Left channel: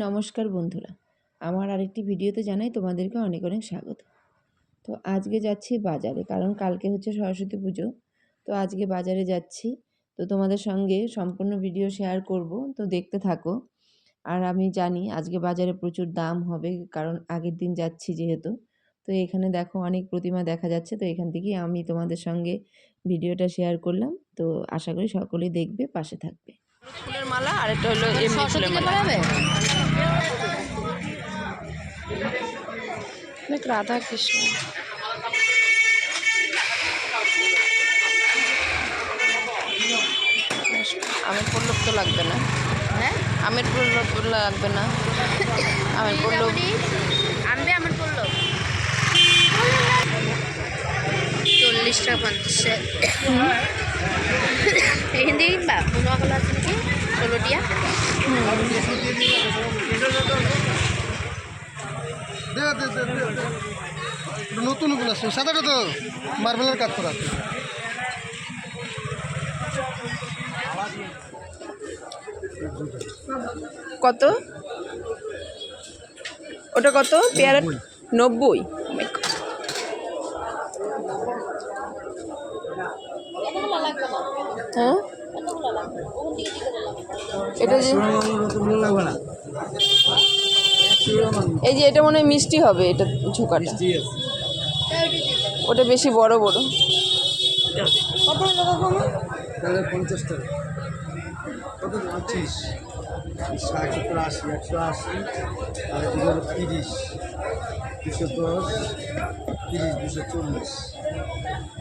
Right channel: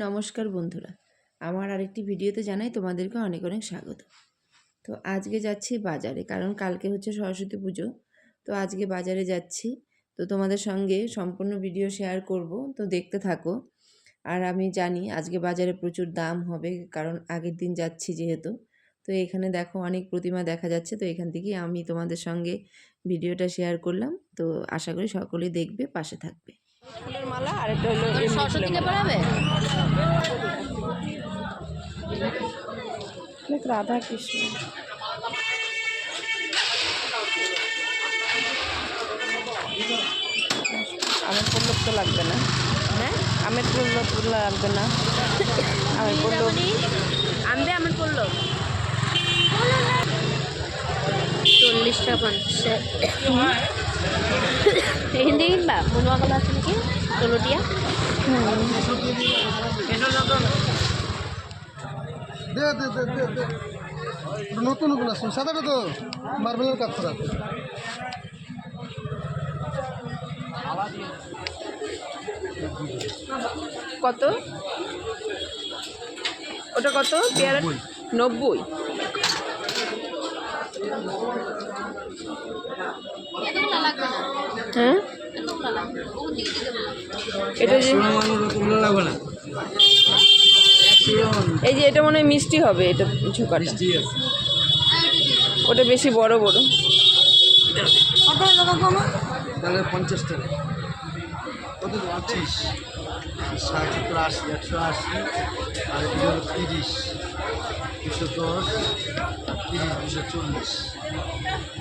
নমস্কার বন্ধুরা, আমার আরেকটি ভিডিওতে জানাই তোমাদেরকে অনেক অনেক স্বাগত। তো আজকে যাচ্ছি বাজারে, কারণ কালকে হচ্ছে সরস্বতী পুজো। তো আজকে বাজারে যাচ্ছি, তো তোমাদের সঙ্গে সম্পূর্ণ ভিডিও শেয়ার করব, তো দেখতে থাকো। আর আমি জানি আজকে বাজারে প্রচুর দাম হবে, কারণ আগের দিন যাচ্ছি যেহেতু। তো এখানে দেখো অনেক প্রতিমা দেখা যাচ্ছে, তো এখান থেকেই আমি তোমাদের সঙ্গে ভিডিওটা শেয়ার করলাম। তো আশা করি সকলেই দেখবে, পাশে থাকবে। ফুলের মালা আর এটা হলো এমনি ফুলের মালা। রাধা কৃষ্ণ, আমের পল্লব তো লাগবে না, আমের পল্লব লাগবে না, আমের পল্লব আমের পল্লব 40 টাকা 50 হিন্দি কিনবা মনোয়া কলা আছে নাকি কলটিয়া নতুন ওগুলো আসছে সাদাটা তো মার্বেলের কাজ করা। কত ওটা কত পেয়ারা? 90। হ্যাঁ, এটা যে এই যে এটা মনে হয় মিষ্টি হবে, এটা ঝোঁকাটা ওটা বেশি বড় বড়। তাহলে 50 টাকা কত? 25, 60, 70, 80, 180, আর এটা হলো 30, 210, 30, 240।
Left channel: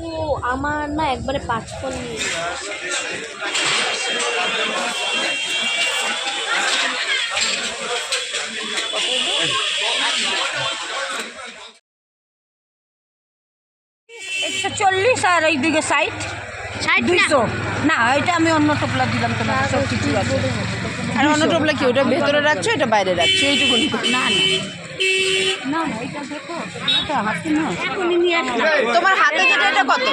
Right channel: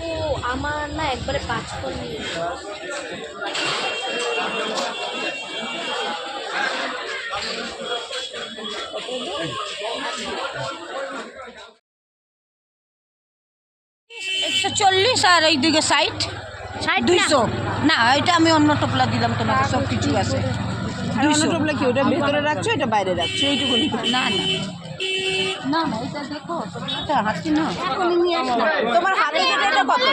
ও আমার না একবারে 5 ফোন $140 আর এইদিকে 60 200 না, এটা আমি অন্য টোপলা দিলাম তোমাকে, সব কিছু আছে। আর অন্য টোপলা কি ওটা ভেতরে রাখছো, এটা বাইরে রাখছো? এইটুকুনি? না না না না, এটা দেখো এটা হাতি না, তোমার হাতে যেটা, এটা কত?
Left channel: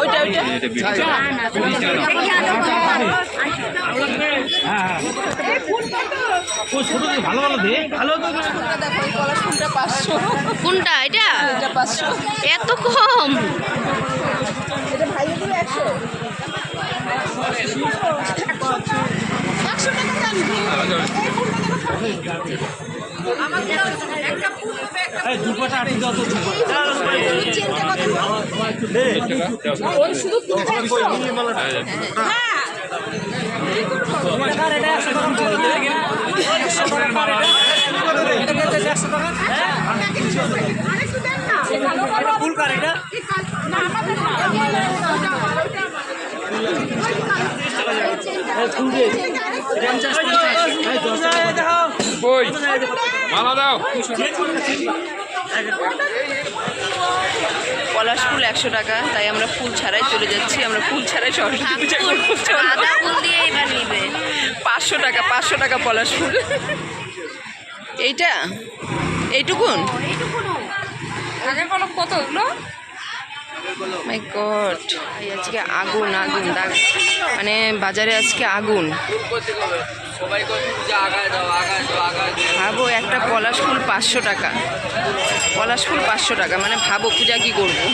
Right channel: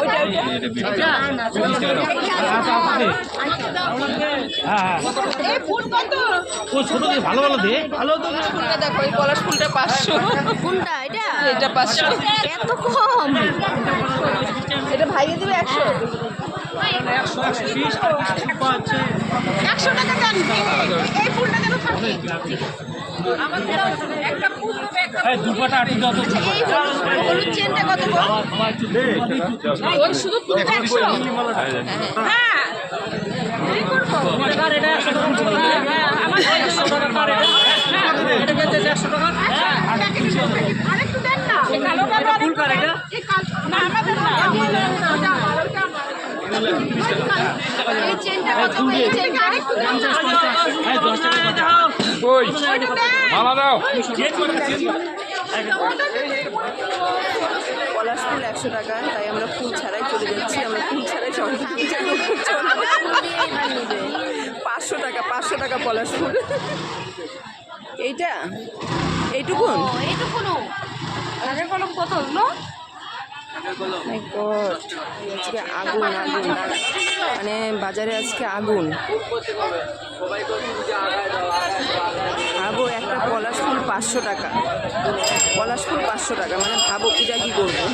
ওইটা ওইটা ভালো ভালো দে, ভালো তো ফুলটা দেখো, এই পলাশ ফুলটা 500। কোনটা এটা? এটা 500। এত কম? এটা ভাইয়ে দেবে 100। 100 টাকা দাম। এই ফুলটা দেবো 50। একটা ফুল দুপাটা আটকে দাও তো। হলুদ চেনটা কত? ওই শুধু ফুলটা 100। হ্যাঁ কি করব? এটা 100 টাকা। আমার 100 টাকা। এটা কত? 100 টাকা। আরেকটু দেন না। এই কালো কালো ফুল কার এটা? না আমাদের না। এই চেনটা কত? এই চেনটা 50 টাকা। এই 10 টাকা দাও। কই? মালা দাও। পলাশ ফুল 100 টাকা, তাই আমরা ফুল ছাড়াই চলে যাচ্ছি। আমরা ফুল ছাড়াই সরস্বতী পূজা করবো। আদা ফুল দিয়ে এবার নিবে 500 টাকা, 500 টাকা পলাশ ফুল। এইটা এইটুকুন? এইটুকুনো আগে কলম কত এগুলো? মাই গড, আজকে আগুন আগুন দাগ, মানে বাজারে আজকে আগুন। ভাবো একটা পলাশ ফুল 500 টাকা, পলাশ ফুল 500 টাকা, মানে ভাবো পূজা কি করবো।